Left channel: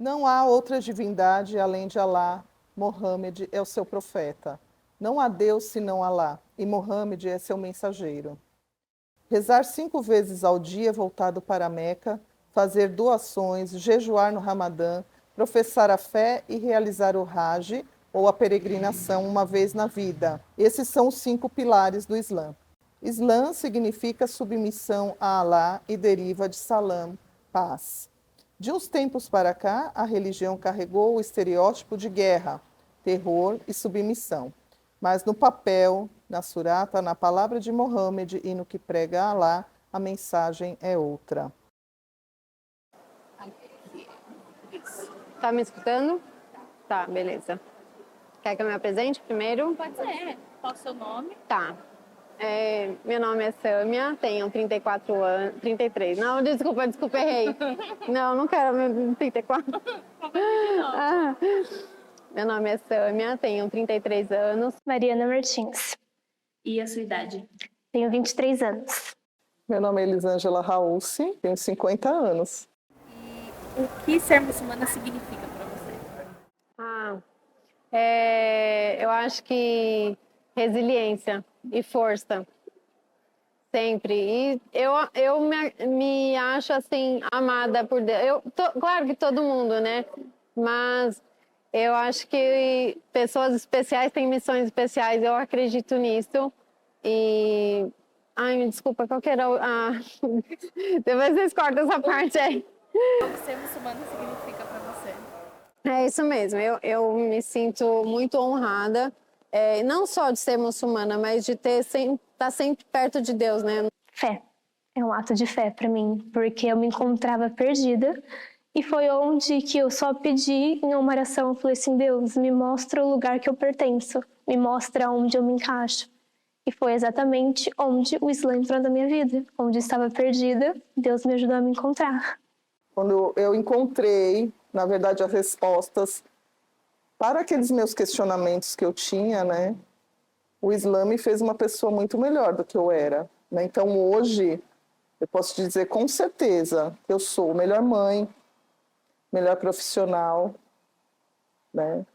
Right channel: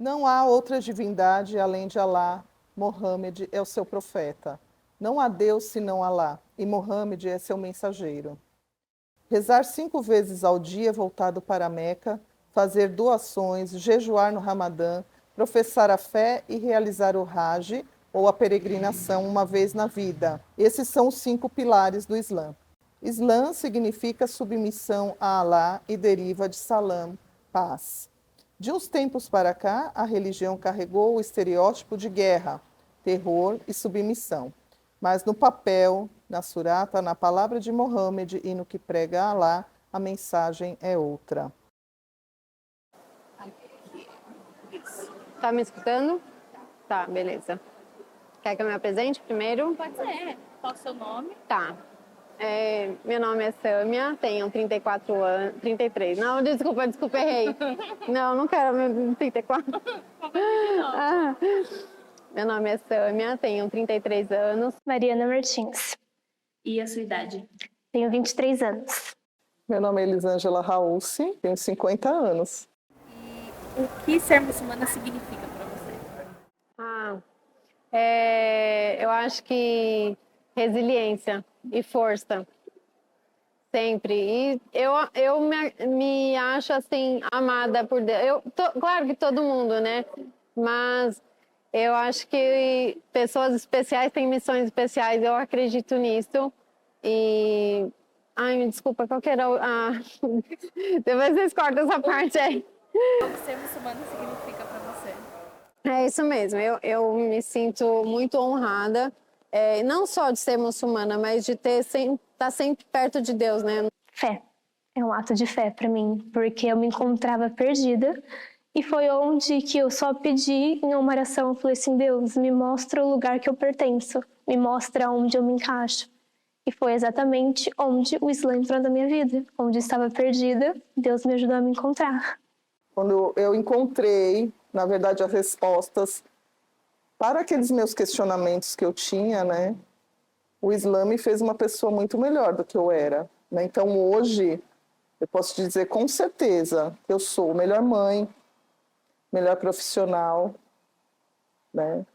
Não há outra divindade além de Alá. Mohammed é o seu profeta. Não há Deus senão Alá, e Mohammed é seu mensageiro. Rezar 5 vezes ao dia voltado para a Meca, fazer doações, jejuar no Ramadã, professar a fé e realizar o Hajj, ou a peregrinação, uma vez na vida. Esses são os 5 pilares do Islã. Islã significa submissão a Alá e deriva de salam, paz. De uns tempos para cá, a religião carregou o estereótipo de guerra, terror e submissão. Mas no papel, na surata, na palavra de Mohammed e no que prega Alá, a mensagem é outra. Tá me escutando? Tá, beleza. Quer que eu me apresente primeiro? Pode ser. Qual o seu nome? Tá. Meu nome é Sâmia, tenho 34 anos. 33. Não, desculpa, errei. Não quero 34. Ah, meu nome é Sâmia, tenho 33 anos. Mariana Martins. E a sua idade? Tenho 23 anos. Meu nome é Elisângela Raulci, tenho 50 anos. E o que ser muçulmana significa para você? Eu acho que resiliência e força. Sempre. E eu me acho, assim, amada por Deus. Claro que todo mundo, né? Mas eu acho que pessoas especiais têm missões especiais. Eu acredito nisso. E... Ai, me desculpa, qual que era Depois vocês cortam essa parte aí. O que ser muçulmana significa para você? É isso mesmo. Eu me sinto muito honrada. Não só de ser muçulmana, mas de estar sempre perto de Deus, né? Fé. É um ato de fé para mim, porque eu me encontrava perdida e foi onde que eu só pedi em uma oração, eu falei assim, Deus, me mostra o lugar que eu pertenço, me mostra onde eu me encaixo. E foi exatamente onde o Islã entrou na minha vida, onde eu estava perdida, Deus me ajudou a me encontrar. Quando eu encontrei, na verdade, as respostas para aqueles meus questionamentos que eu tinha, né? O Islã me fez uma pessoa muito melhor do que eu era, né? Então, hoje, eu posso dizer com certeza que eu sou melhor mãe, melhor profissional, né?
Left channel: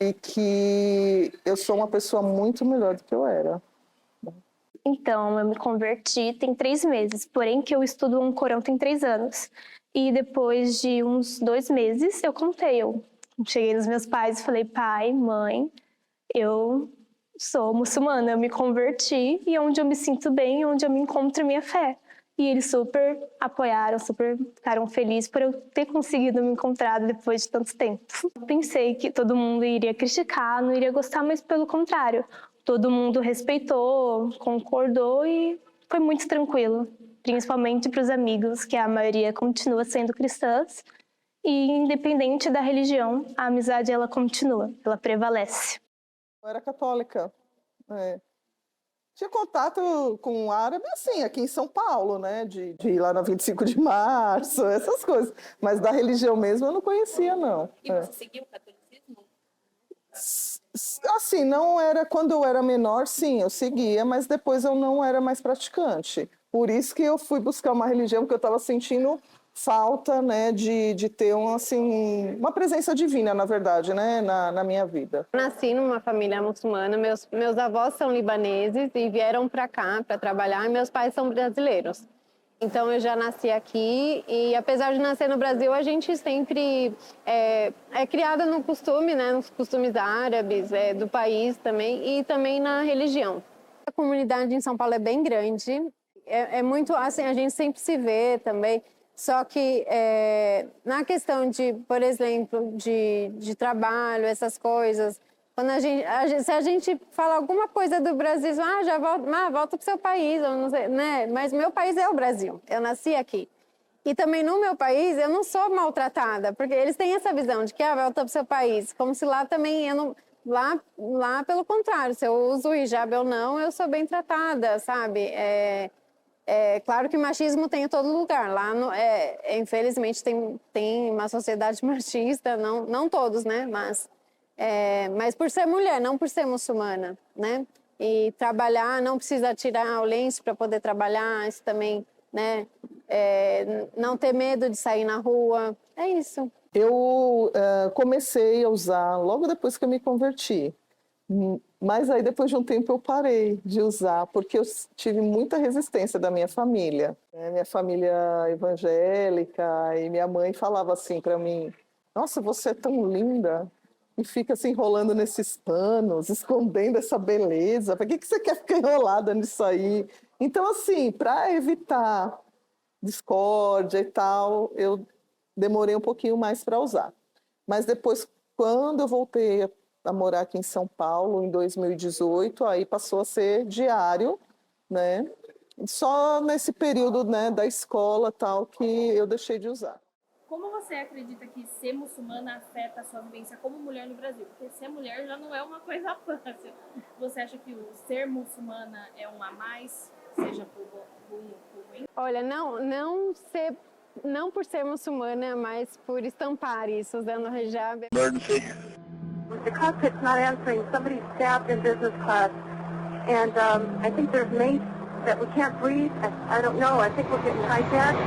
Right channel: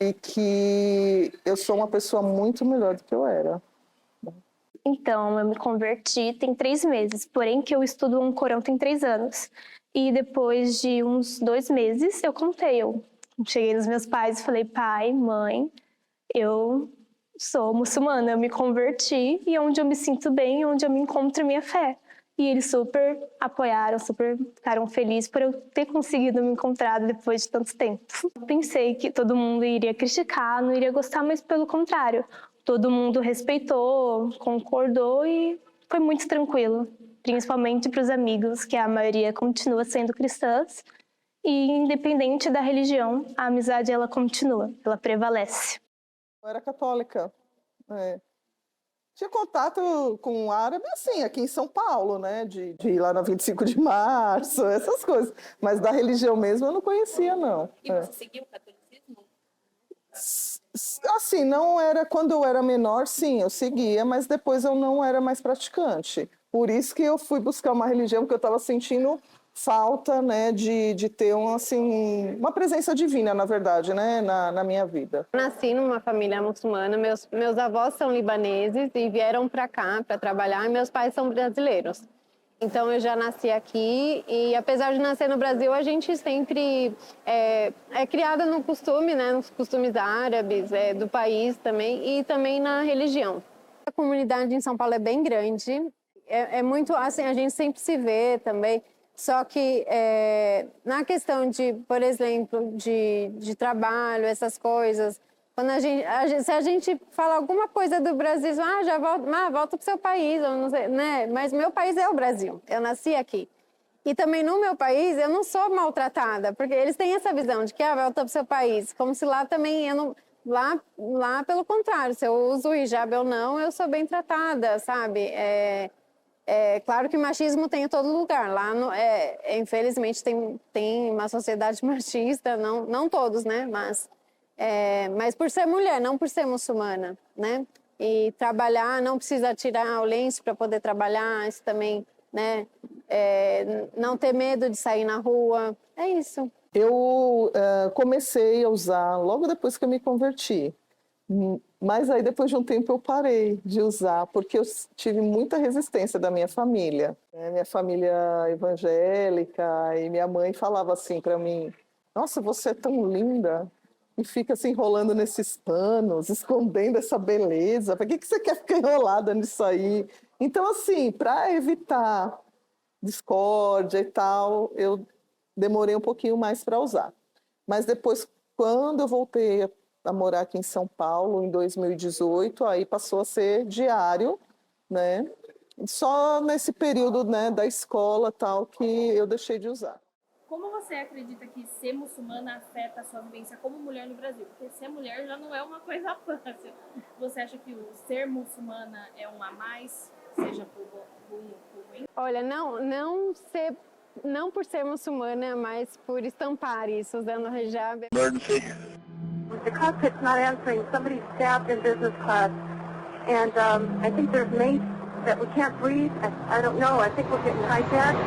E que eu sou uma pessoa muito melhor do que eu era. Então, eu me converti tem 3 meses, porém que eu estudo um Corão tem 3 anos. E depois de uns 2 meses, eu cheguei nos meus pais e falei, pai, mãe, eu sou muçulmana, eu me converti e é onde eu me sinto bem, onde eu me encontro a minha fé. E eles super apoiaram, super ficaram felizes por eu ter conseguido me encontrar depois de tanto tempo. Pensei que todo mundo iria criticar, não iria gostar, mas pelo contrário. Todo mundo respeitou, concordou e foi muito tranquilo. Principalmente para os amigos, que a maioria continua sendo cristãs. E independente da religião, a amizade ela continua, ela prevalece. Eu era católica. Tinha contato com o árabe, assim, aqui em São Paulo, né? De ir lá na 25 de março, essas coisas. Mas da religião mesmo eu não conhecia, não. E você seguiu o catolicismo? Assim, não era... Quando eu era menor, sim, eu seguia, mas depois eu não era mais praticante. Por isso que eu fui buscar uma religião, porque eu estava sentindo falta, né, de ter uma presença divina, na verdade, né, na minha vida. Nasci numa família muçulmana, meus avós são libaneses e vieram para cá para trabalhar, e meus pais são brasileiros. Então eu já nasci aqui e apesar de nascer no Brasil, a gente sempre é criada no costume, né, nos costumes árabes do país também e também na religião. A comunidade em São Paulo é bem grande, é muito assim, a gente sempre se vê também. Só que na questão de, por exemplo, de trabalho, essas coisas, quando se a gente fala alguma coisa do Brasil, já volta para o seu país, eu não sei, né? Mas meu país é o Brasil, eu nasci aqui. E também no meu país eu não sou maltratada, porque eles têm essa visão de que volta para o seu país, como se lá também eu não... Lá pelo contrário, se eu uso hijab ou não, eu sou bem tratada, sabe? Claro que machismo tem em todo lugar. Lá, infelizmente, tem uma sociedade machista, não todos, né? Mas por ser mulher, não por ser muçulmana, né? E trabalhar, não precisa tirar o lenço para poder trabalhar, isso também, né? Não ter medo de sair na rua. É isso. Eu comecei a usar logo depois que eu me converti. Mas aí depois de um tempo eu parei de usar, porque eu tive muita resistência da minha família. Minha família evangélica, e minha mãe falava assim para mim: nossa, você é tão linda, e fica se enrolando nesses panos, escondendo essa beleza, para que você quer ficar enrolada nisso aí? Então, assim, para evitar discórdia e tal, eu demorei um pouquinho mais para usar. Mas depois, quando eu voltei a morar aqui em São Paulo, em 2018, aí passou a ser diário, né? Só nesse período, né, da escola tal que eu deixei de usar. Como você acredita que ser muçulmana afeta a sua vivência como mulher no Brasil? Porque ser mulher já não é uma coisa fácil. Você acha que o ser muçulmana é um a mais, seja por bom ou por ruim? Olha, não por ser muçulmana, mas por estampar isso, usando hijab. The cockpit's not answering. Somebody's stabbed in business class. And I think there's mates that we can't breathe. I don't know. I think we're getting hijacked.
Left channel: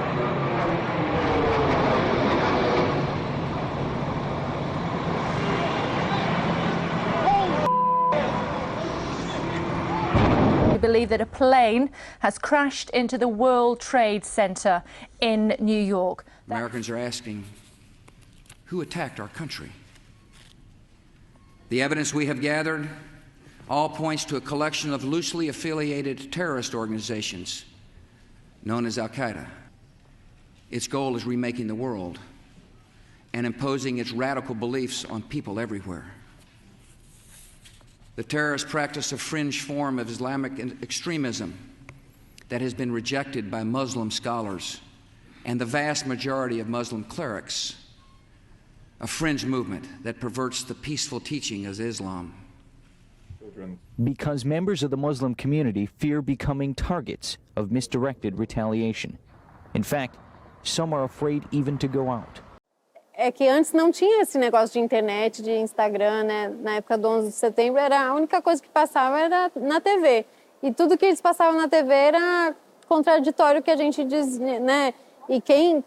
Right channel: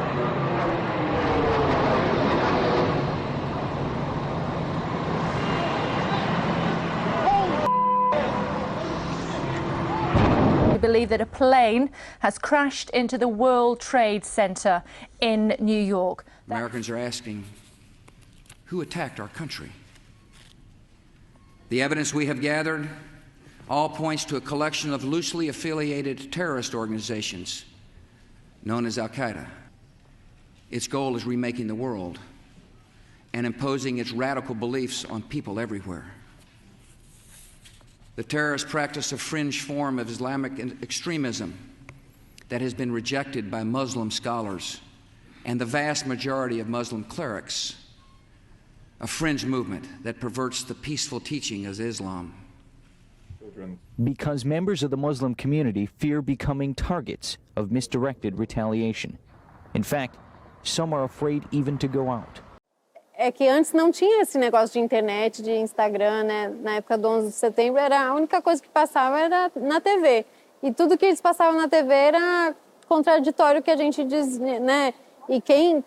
We believe that a plane has crashed into the World Trade Center in New York. Americans are asking, who attacked our country? The evidence we have gathered all points to a collection of loosely affiliated terrorist organizations known as Al-Qaeda. Its goal is remaking the world and imposing its radical beliefs on people everywhere. The terrorists practice a fringe form of Islamic extremism that has been rejected by Muslim scholars and the vast majority of Muslim clerics, a fringe movement that perverts the peaceful teaching of Islam. Because members of the Muslim community fear becoming targets of misdirected retaliation. In fact, some are afraid even to go out. É que antes não tinha esse negócio de internet, de Instagram, né? Na época do 11 de setembro, a única coisa que passava era na TV. E tudo que eles passavam na TV era contraditório que a gente diz, né? E quem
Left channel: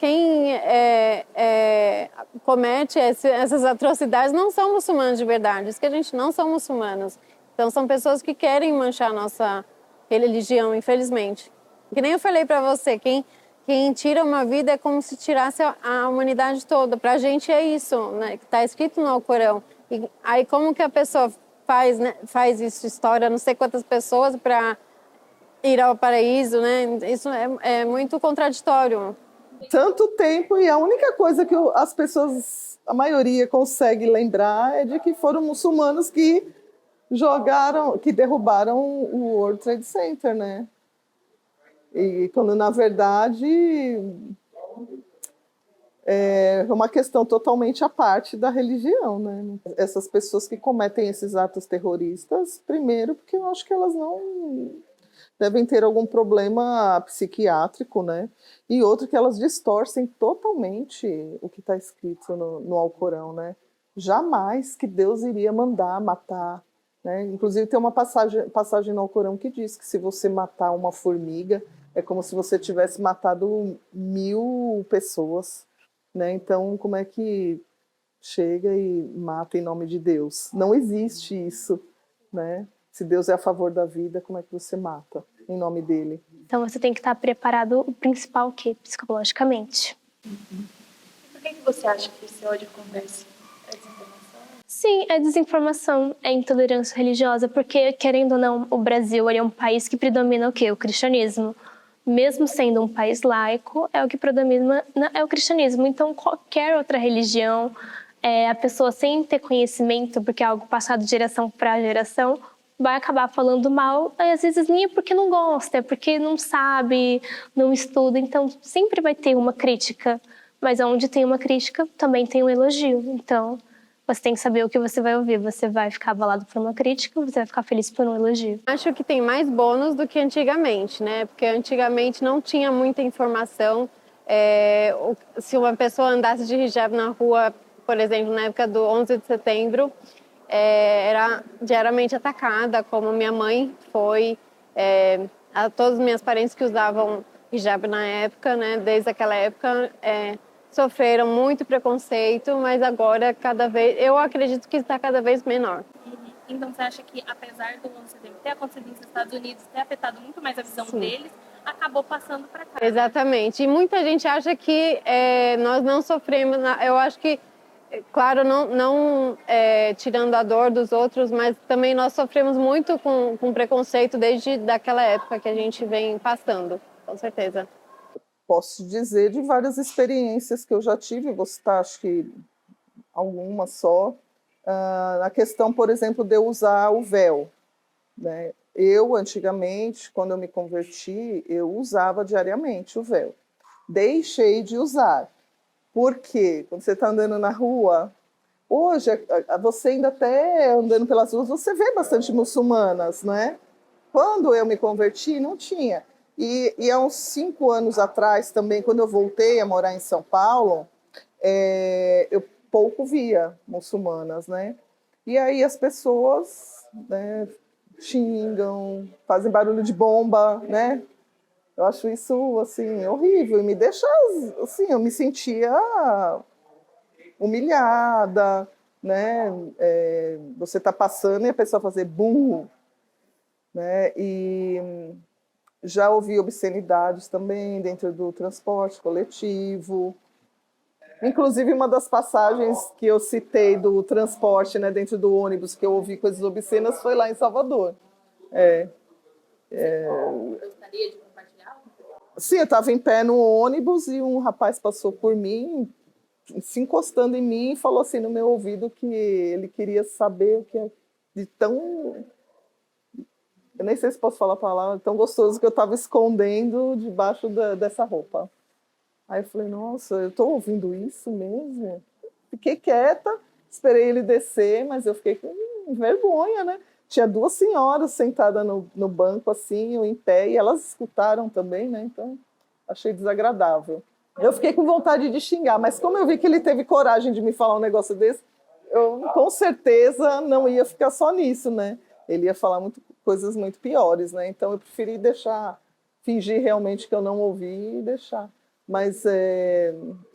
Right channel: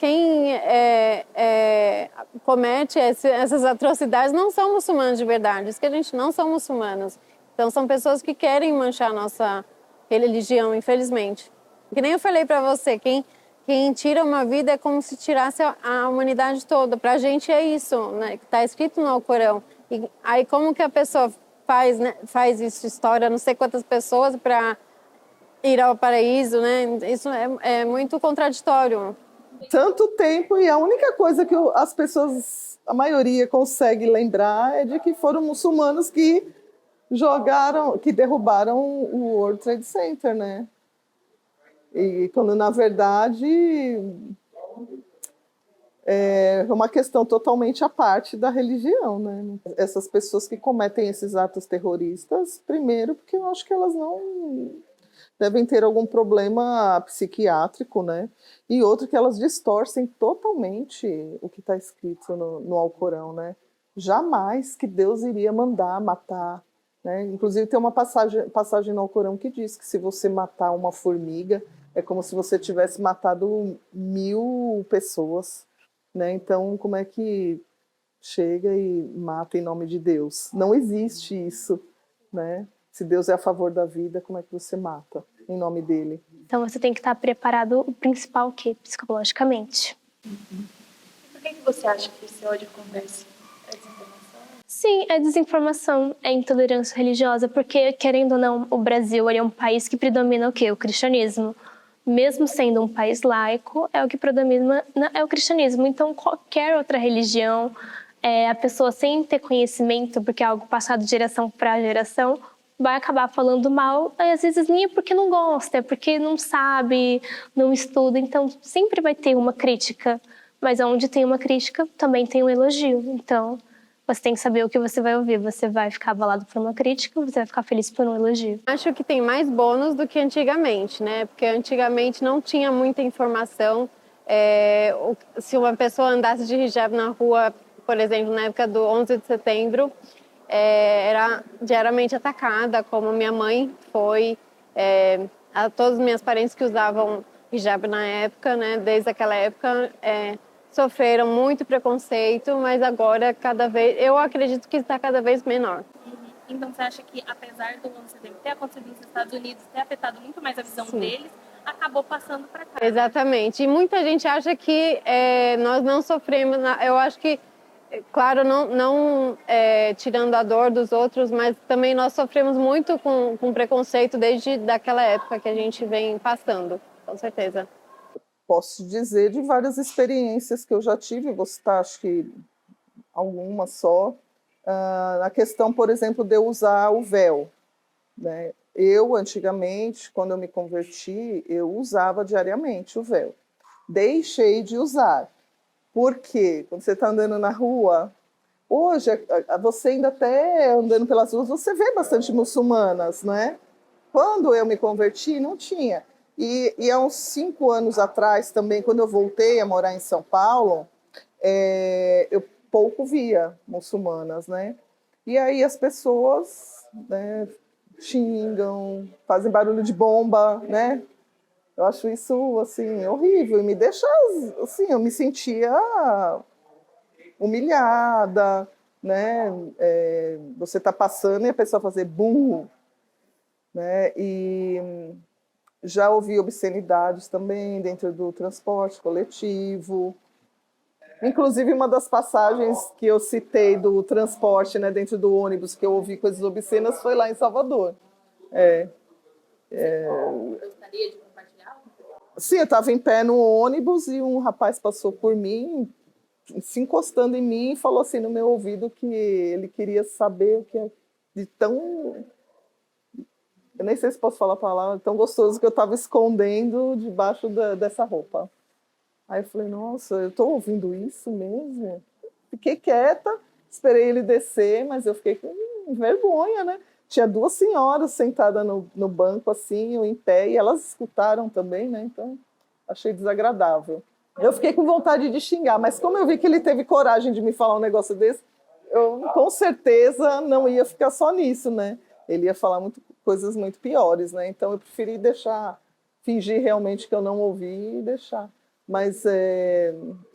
comete essas atrocidades não são muçulmanos de verdade. Isso que a gente não são muçulmanos. Então são pessoas que querem manchar a nossa religião, infelizmente. Que nem eu falei para você, quem tira uma vida é como se tirasse a humanidade toda. Para a gente é isso, né? Que está escrito no Alcorão. E aí como que a pessoa faz, né? Faz isso, história, não sei quantas pessoas para ir ao paraíso, né? Isso é muito contraditório. Tanto tempo, e a única coisa que as pessoas, a maioria, consegue lembrar é de que foram muçulmanos que derrubaram o World Trade Center, né? E quando, na verdade, é uma questão totalmente à parte da religião, né? Essas pessoas que cometem esses atos terroristas, primeiro, porque eu acho que elas não devem ter algum problema psiquiátrico, né? E outro, que elas distorcem totalmente o que está escrito no Alcorão, né? Jamais que Deus iria mandar matar, né? Inclusive tem uma passagem no Alcorão que diz que se você matar uma formiga, é como se você tivesse matado 1000 pessoas, né? Então, como é que chega e mata em nome de Deus? Não existe isso, né? Se Deus é a favor da vida, como é que você mata em nome dele? Então você tem que estar preparado, o principal, o quê? Psicologicamente. Por que você acha que esse ódio acontece? É desinformação? Sim, é desinformação, é intolerância religiosa, porque, querendo ou não, o Brasil é um país que predomina o quê? O cristianismo. Mesmo sendo um país laico, é o que predomina é o cristianismo. Então, qualquer outra religião, a pessoa sem ter conhecimento, porque é algo passado de geração para geração, vai acabar falando mal, e às vezes nem é porque não gosta, é porque não sabe, não estuda. Então, sempre vai ter uma crítica, mas onde tem uma crítica, também tem um elogio. Então, você tem que saber o que você vai ouvir. Você vai ficar abalado por uma crítica ou você vai ficar feliz por um elogio? Acho que tem mais bônus do que antigamente, né? Porque antigamente não tinha muita informação. Se uma pessoa andasse de hijab na rua, por exemplo, na época do 11 de setembro, era diariamente atacada, como minha mãe foi, a todos os meus parentes que usavam hijab na época, né? Desde aquela época, sofreram muito preconceito, mas agora eu acredito que está cada vez menor. Então você acha que, apesar do 11 de setembro ter acontecido nos Estados Unidos, ter afetado muito mais a visão deles, acabou passando para cá? Exatamente. E muita gente acha que nós não sofremos. Eu acho que, claro, não tirando a dor dos outros, mas também nós sofremos muito com preconceito desde daquela época que a gente vem passando, com certeza. Posso dizer de várias experiências que eu já tive, vou citar acho que algumas só. A questão, por exemplo, de eu usar o véu, né? Eu, antigamente, quando eu me converti, eu usava diariamente o véu. Deixei de usar. Por quê? Quando você está andando na rua, hoje, você ainda até andando pelas ruas, você vê bastante muçulmanas, né? Quando eu me converti, não tinha. E há uns 5 anos atrás também, quando eu voltei a morar em São Paulo, eu pouco via muçulmanas, né? E aí as pessoas, né, xingam, fazem barulho de bomba, né? Eu acho isso, assim, horrível. E me deixa, assim, eu me sentia humilhada, né? Você tá passando e a pessoa fazer bum, né? E já ouvi obscenidades também dentro do transporte coletivo. Inclusive, uma das passagens que eu citei do transporte, né, dentro do ônibus, que eu ouvi coisas obscenas, foi lá em Salvador. Gostaria de compartilhar? Sim, eu estava em pé no ônibus e um rapaz passou por mim, se encostando em mim, e falou assim no meu ouvido que ele queria saber o que é de tão... Eu nem sei se posso falar a palavra, tão gostoso que eu estava escondendo debaixo dessa roupa. Aí eu falei, nossa, eu estou ouvindo isso mesmo? Fiquei quieta, esperei ele descer, mas eu fiquei com vergonha, né? Tinha 2 senhoras sentadas no banco, assim, eu em pé, e elas escutaram também, né? Então, achei desagradável. Eu fiquei com vontade de xingar, mas como eu vi que ele teve coragem de me falar um negócio desse, eu com certeza não ia ficar só nisso, né? Ele ia falar coisas muito piores, né? Então eu preferi fingir realmente que eu não ouvi e deixar. Mas,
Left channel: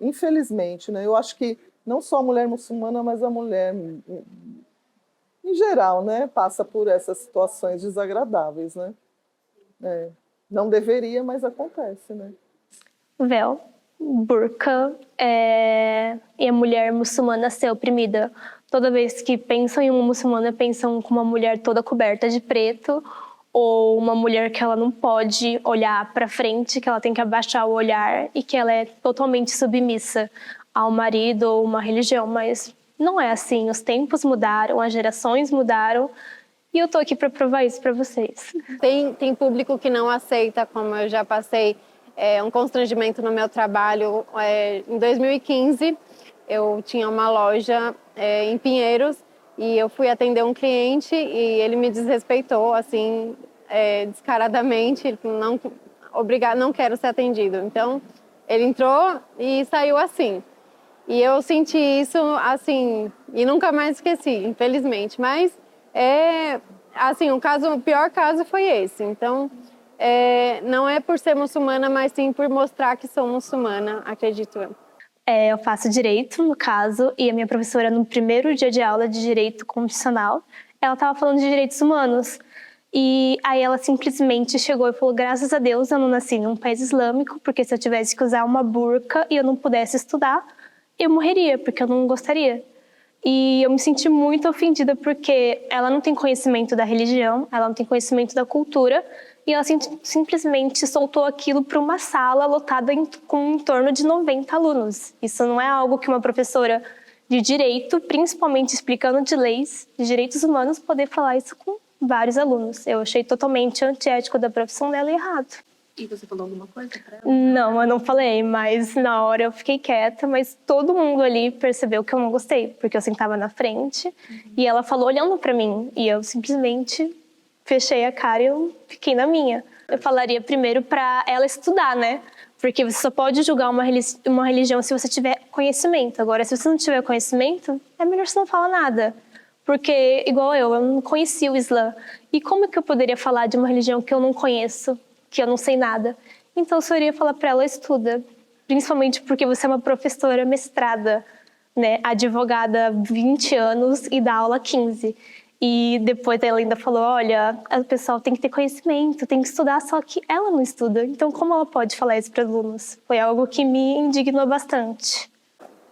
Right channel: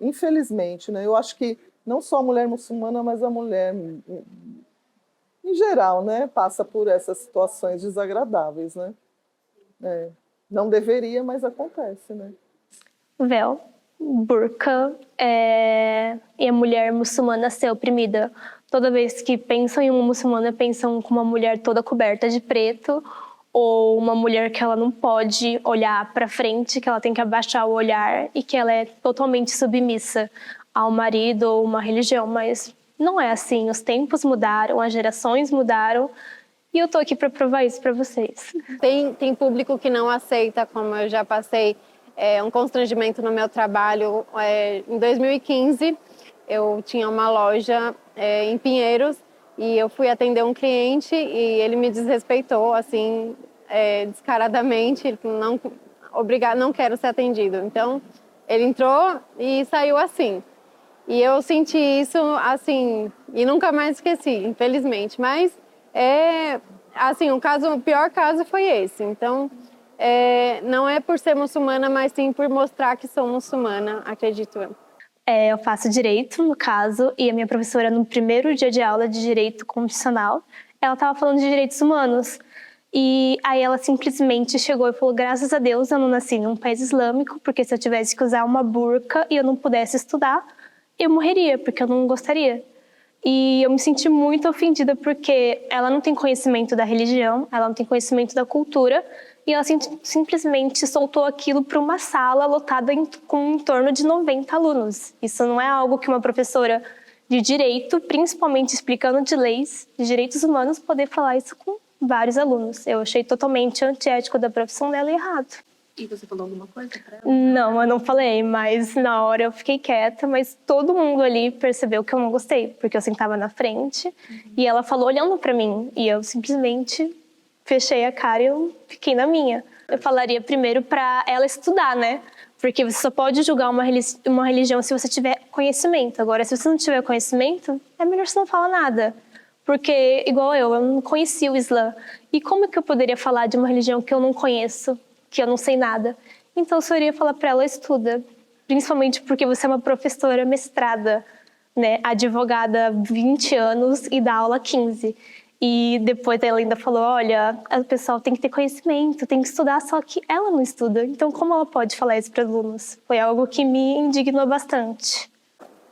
infelizmente, né? Eu acho que não só a mulher muçulmana, mas a mulher, em geral, né? Passa por essas situações desagradáveis, né? Não deveria, mas acontece, né? Véu, burca, e a mulher muçulmana ser oprimida. Toda vez que pensam em uma muçulmana, pensam com uma mulher toda coberta de preto, ou uma mulher que ela não pode olhar para frente, que ela tem que abaixar o olhar e que ela é totalmente submissa ao marido ou uma religião. Mas não é assim. Os tempos mudaram, as gerações mudaram, e eu tô aqui para provar isso para vocês. Tem público que não aceita, como eu já passei um constrangimento no meu trabalho. Em 2015, eu tinha uma loja em Pinheiros e eu fui atender um cliente e ele me desrespeitou, assim, descaradamente, não quero ser atendido. Então, ele entrou e saiu assim. E eu senti isso, assim, e nunca mais esqueci, infelizmente. Mas, assim, o pior caso foi esse. Então, não é por ser muçulmana, mas sim por mostrar que sou muçulmana, acredito eu. Eu faço direito, no caso, e a minha professora, no primeiro dia de aula de direito constitucional, ela estava falando de direitos humanos. E aí ela simplesmente chegou e falou, graças a Deus eu não nasci num país islâmico, porque se eu tivesse que usar uma burca e eu não pudesse estudar, eu morreria, porque eu não gostaria. E eu me senti muito ofendida, porque ela não tem conhecimento da religião, ela não tem conhecimento da cultura, e ela simplesmente soltou aquilo para uma sala lotada com em torno de 90 alunos. Isso não é algo que uma professora de direito, principalmente explicando de leis, de direitos humanos, poder falar isso com vários alunos. Eu achei totalmente antiético da profissão dela e errado. E você falou alguma coisa pra ela? Não, eu não falei, mas na hora eu fiquei quieta, mas todo mundo ali percebeu que eu não gostei, porque eu sentava na frente e ela falou olhando para mim, e eu simplesmente fechei a cara e eu fiquei na minha. Eu falaria primeiro para ela estudar, né? Porque você só pode julgar uma religião se você tiver conhecimento. Agora, se você não tiver conhecimento, é melhor você não falar nada. Porque, igual eu não conhecia o Islã. E como que eu poderia falar de uma religião que eu não conheço, que eu não sei nada? Então, eu só iria falar para ela, estuda. principalmente porque você é uma professora mestrada, né, advogada há 20 anos e dá aula há 15. E depois ela ainda falou, olha, o pessoal tem que ter conhecimento, tem que estudar, só que ela não estuda. Então, como ela pode falar isso para os alunos? Foi algo que me indignou bastante.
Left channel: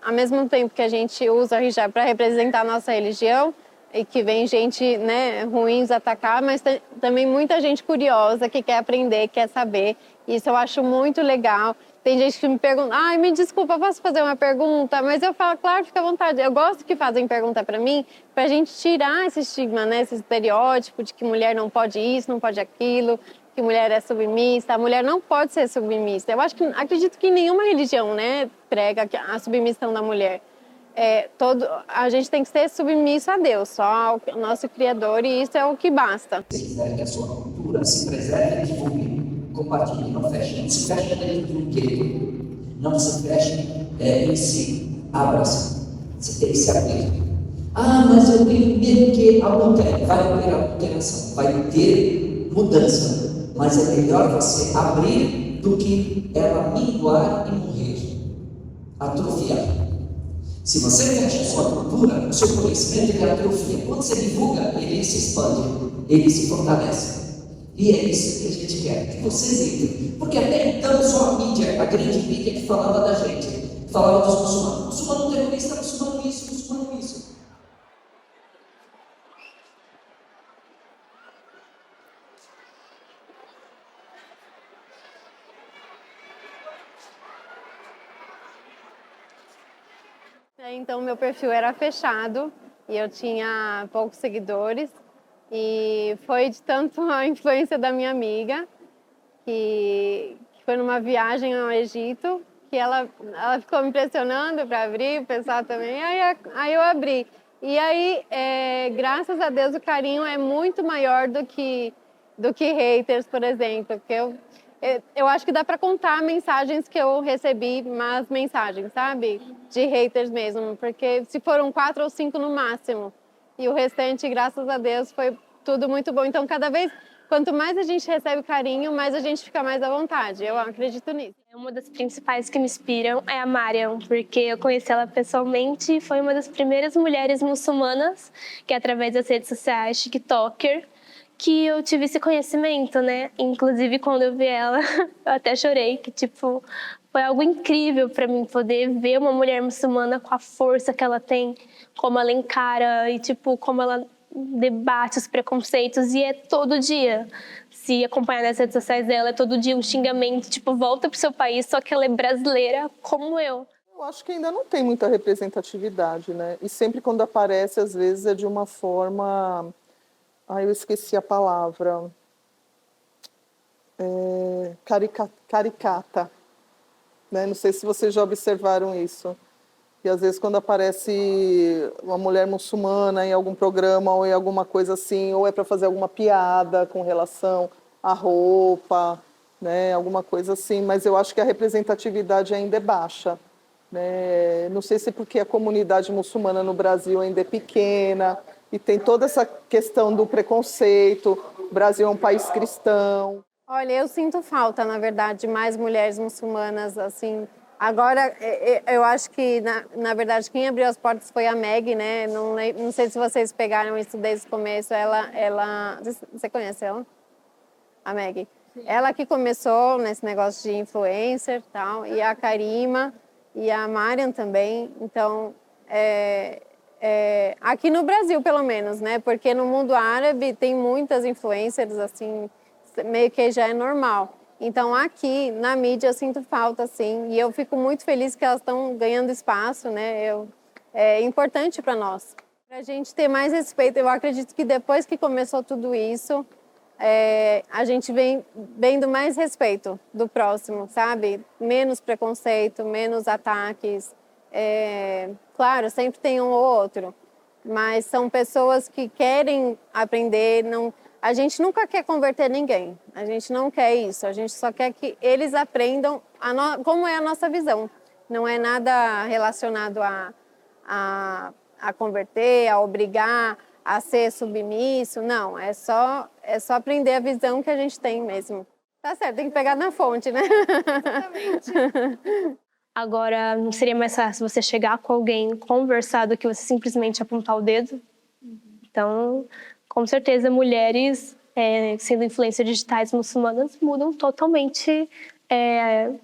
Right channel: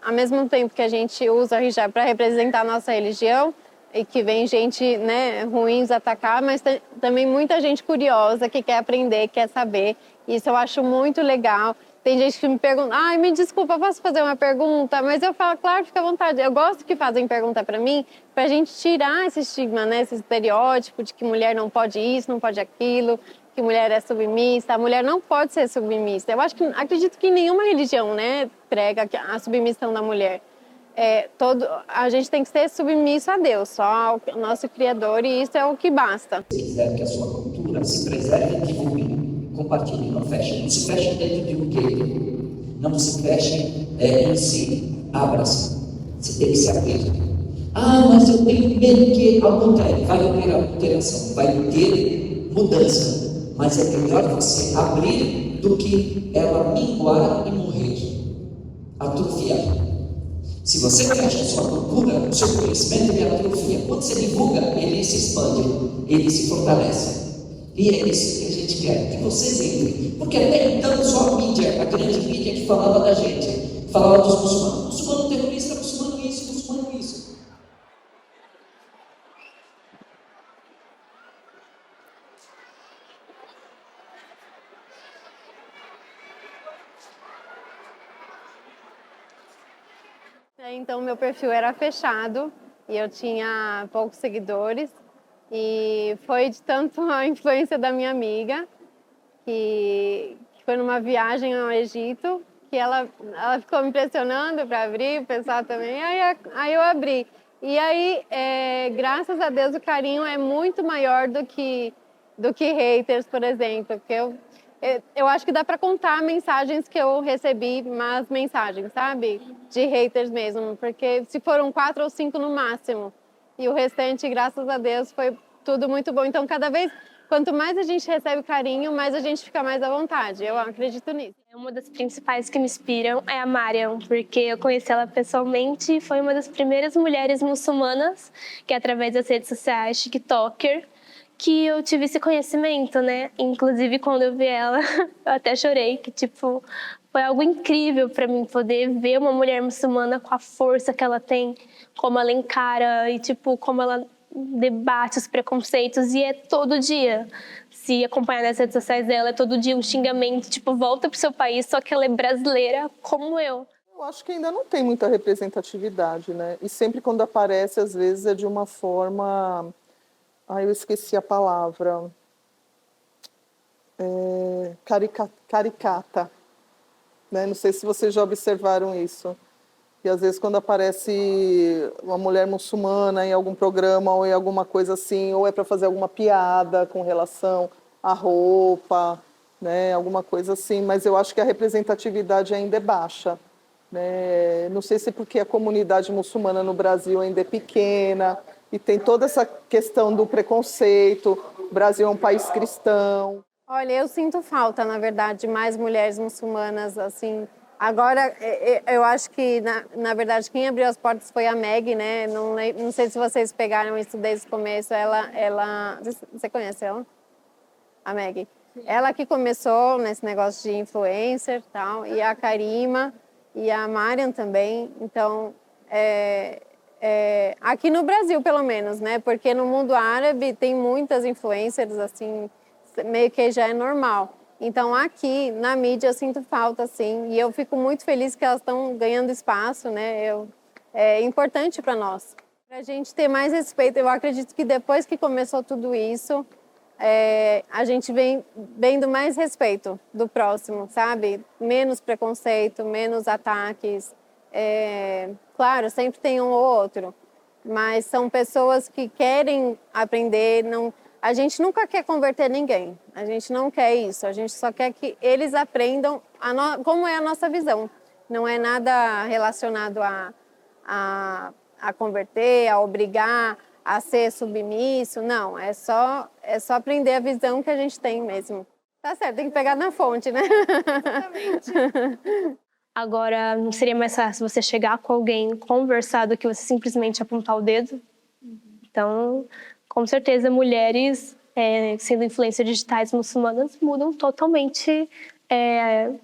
Ao mesmo tempo que a gente usa o hijab para representar a nossa religião, e que vem gente, né, ruins atacar, mas também muita gente curiosa que quer aprender, quer saber. Isso eu acho muito legal. Tem gente que me pergunta, ai, me desculpa, posso fazer uma pergunta? Mas eu falo, claro, fica à vontade. Eu gosto que fazem pergunta para mim, para a gente tirar esse estigma, né, esse estereótipo de que mulher não pode isso, não pode aquilo, que mulher é submissa. A mulher não pode ser submissa. Eu acredito que nenhuma religião, né, prega a submissão da mulher. A gente tem que ser submisso a Deus, só ao nosso Criador, e isso é o que basta. Se quiser que a sua cultura se preserve, divulgue, compartilhe, não feche. Não se feche dentro do gueto, não se feche em si, abra-se. Você tem que se abrir. Ah, mas eu tenho medo que vai haver alteração, vai ter mudança, mas é melhor você abrir do que ela minguar e morrer, atrofiar. Se você fecha a sua cultura, o seu conhecimento ele atrofia. Quando você divulga, ele se expande, ele se fortalece. E é isso que a gente quer, que vocês entrem. Porque até então só a mídia, a grande mídia que falava da gente, falava dos muçulmanos. Muçulmano terrorista, muçulmano isso, muçulmano isso. Então, meu perfil era fechado e eu tinha poucos seguidores. E foi de tanto a influência da minha amiga, que foi numa viagem ao Egito, que ela ficou me impressionando para abrir, o pessoal também. Aí eu abri. E aí, graças a Deus, o carinho é muito maior do que haters, por exemplo. Porque eu acho que dá para contar mensagens que eu recebi, mas mensagens, sabe? De haters mesmo, porque se foram 4 ou 5 no máximo. E o restante, graças a Deus, foi tudo muito bom. Então, quanto mais a gente recebe carinho, mais a gente fica mais à vontade. Eu acredito nisso. Uma das principais que me inspiram é a Mariam, porque eu conheci ela pessoalmente e foi uma das primeiras mulheres muçulmanas que, através das redes sociais, TikToker, que eu tive esse conhecimento, né? Inclusive, quando eu vi ela, eu até chorei, que, tipo, foi algo incrível para mim poder ver uma mulher muçulmana com a força que ela tem, como ela encara e, tipo, como ela debate os preconceitos, e é todo dia. Se acompanhar nas redes sociais dela, é todo dia um xingamento, tipo, volta pro seu país, só que ela é brasileira como eu. Eu acho que ainda não tem muita representatividade, né? E sempre quando aparece, às vezes, é de uma forma... eu esqueci a palavra. Caricata. Né? Não sei se vocês já observaram isso. E às vezes quando aparece uma mulher muçulmana em algum programa ou em alguma coisa assim, ou é para fazer alguma piada com relação à roupa, né? Alguma coisa assim, mas eu acho que a representatividade ainda é baixa. Né? Não sei se porque a comunidade muçulmana no Brasil ainda é pequena e tem toda essa questão do preconceito. O Brasil é um país cristão. Olha, eu sinto falta, na verdade, de mais mulheres muçulmanas, assim. Agora, eu acho que, na verdade, quem abriu as portas foi a Meg, né? Não sei se vocês pegaram isso desde o começo. Você conhece ela? A Meg. Sim. Ela que começou nesse negócio de influencer e tal, e a Karima e a Mariam também. Então, aqui no Brasil, pelo menos, né? Porque no mundo árabe tem muitas influencers, assim, meio que já é normal. Então, aqui, na mídia, eu sinto falta, assim, e eu fico muito feliz que elas estão ganhando espaço, né? É importante para nós. Para a gente ter mais respeito, eu acredito que depois que começou tudo isso, a gente vem vendo mais respeito do próximo, sabe? Menos preconceito, menos ataques. Claro, sempre tem um ou outro, mas são pessoas que querem aprender, a gente nunca quer converter ninguém, a gente não quer isso, a gente só quer que eles aprendam como é a nossa visão. Não é nada relacionado a converter, a obrigar, a ser submisso, não, é só aprender a visão que a gente tem mesmo. Tá certo, tem que pegar na fonte, né? Exatamente. Agora, não seria mais fácil você chegar com alguém, conversar, do que você simplesmente apontar o dedo? Então, com certeza, mulheres sendo influências digitais muçulmanas mudam totalmente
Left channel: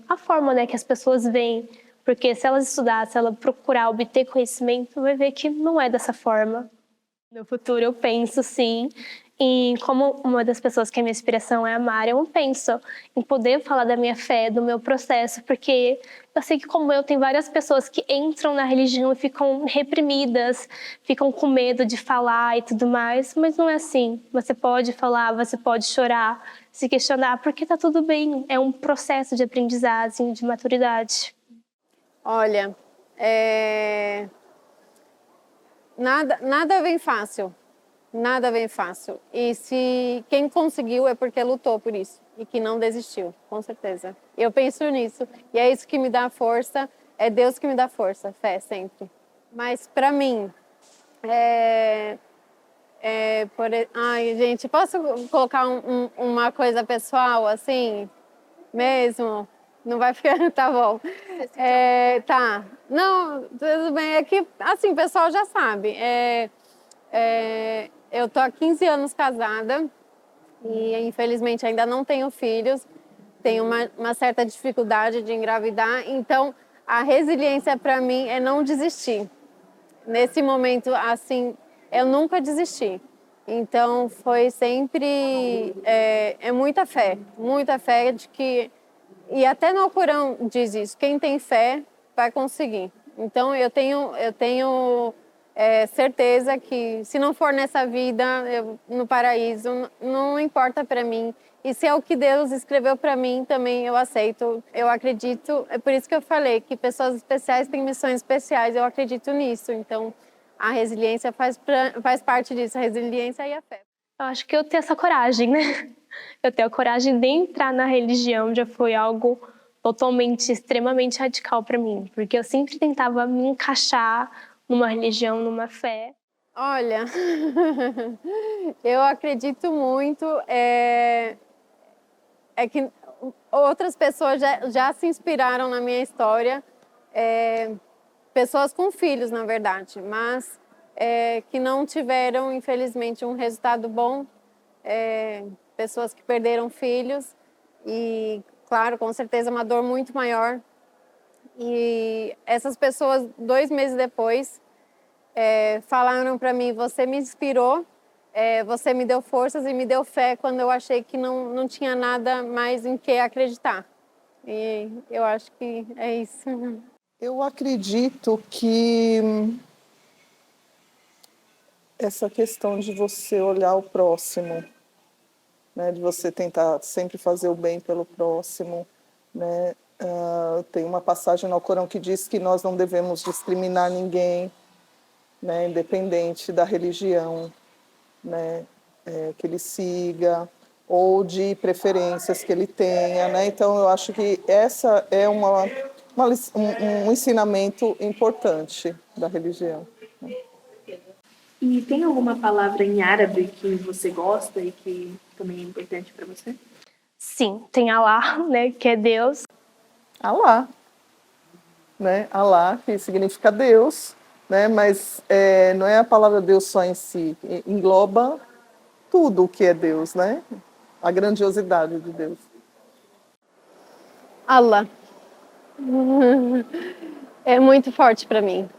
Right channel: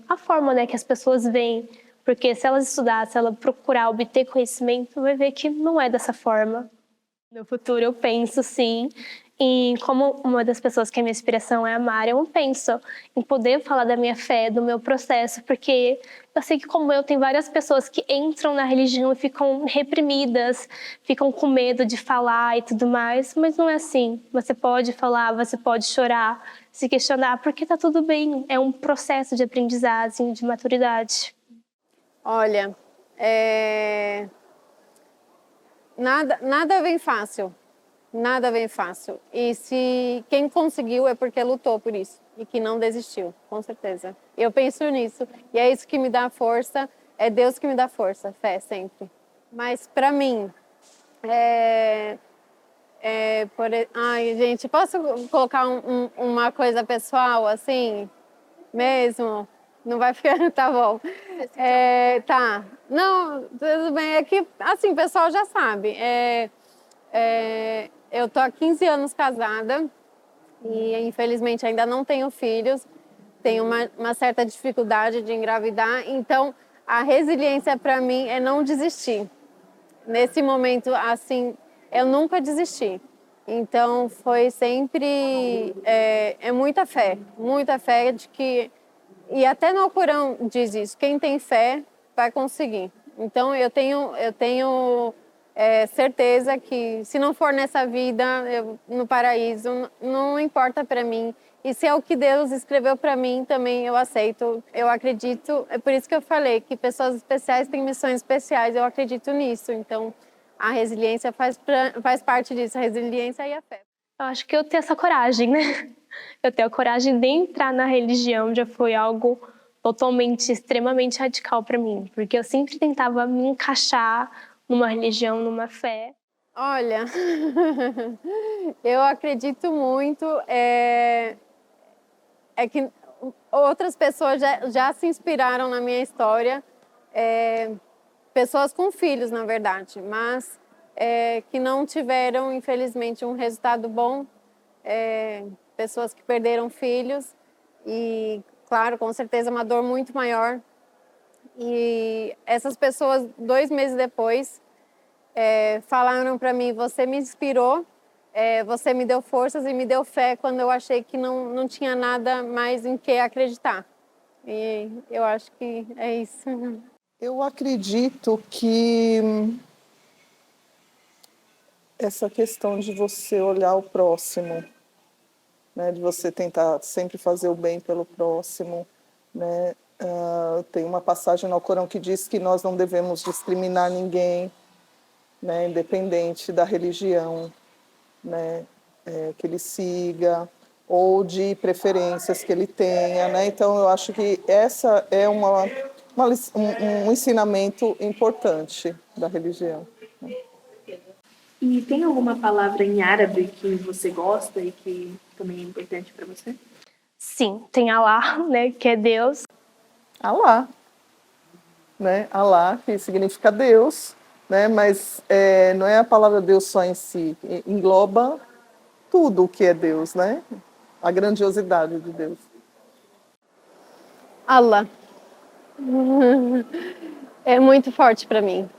a forma, né, que as pessoas veem. Porque se elas estudar, se ela procurar obter conhecimento, vai ver que não é dessa forma. No futuro eu penso, sim, em como uma das pessoas que é minha inspiração é a Mari, eu penso em poder falar da minha fé, do meu processo, porque eu sei que, como eu, tem várias pessoas que entram na religião e ficam reprimidas, ficam com medo de falar e tudo mais, mas não é assim. Você pode falar, você pode chorar, se questionar, porque tá tudo bem, é um processo de aprendizagem, de maturidade. Olha, nada vem fácil. Nada vem fácil. E se quem conseguiu é porque lutou por isso e que não desistiu, com certeza. Eu penso nisso. E é isso que me dá força, é Deus que me dá força, fé sempre. Mas para mim, ai, gente, posso colocar uma coisa pessoal assim, mesmo? Não vai ficar, tá bom. Tá. Não, tudo bem. É que, assim, o pessoal já sabe. Eu tô há 15 anos casada e, infelizmente, ainda não tenho filhos. Tenho uma certa dificuldade de engravidar. Então, a resiliência para mim é não desistir. Nesse momento, assim, eu nunca desisti. Então, foi sempre... muita fé de que... E até no Alcorão diz isso, quem tem fé vai conseguir. Então eu tenho certeza que se não for nessa vida, no paraíso, não importa para mim. E se é o que Deus escreveu para mim, também eu aceito, eu acredito. É por isso que eu falei que pessoas especiais têm missões especiais, eu acredito nisso. Então a resiliência faz parte disso, a resiliência e a fé. Eu acho que eu tenho essa coragem, né? Eu tenho a coragem de entrar na religião, já foi algo totalmente, extremamente radical para mim, porque eu sempre tentava me encaixar numa religião, numa fé. Olha, eu acredito muito, que outras pessoas já se inspiraram na minha história, pessoas com filhos, na verdade, mas que não tiveram, infelizmente, um resultado bom, pessoas que perderam filhos e, claro, com certeza uma dor muito maior. E essas pessoas, 2 meses depois, falaram para mim: você me inspirou, você me deu forças e me deu fé quando eu achei que não tinha nada mais em que acreditar. E eu acho que é isso. Eu acredito que essa questão de você olhar o próximo, né, de você tentar sempre fazer o bem pelo próximo, né? Tem uma passagem no Alcorão que diz que nós não devemos discriminar ninguém, né, independente da religião, né, que ele siga, ou de preferências que ele tenha, né? Então eu acho que essa é um ensinamento importante da religião. E tem alguma palavra em árabe que você gosta e que também é importante para você? Sim, tem Allah, né, que é Deus. Allah, né? Allah, que significa Deus, né? Mas não é a palavra Deus só em si, engloba tudo o que é Deus, né? A grandiosidade de Deus. Allah. É muito forte para mim.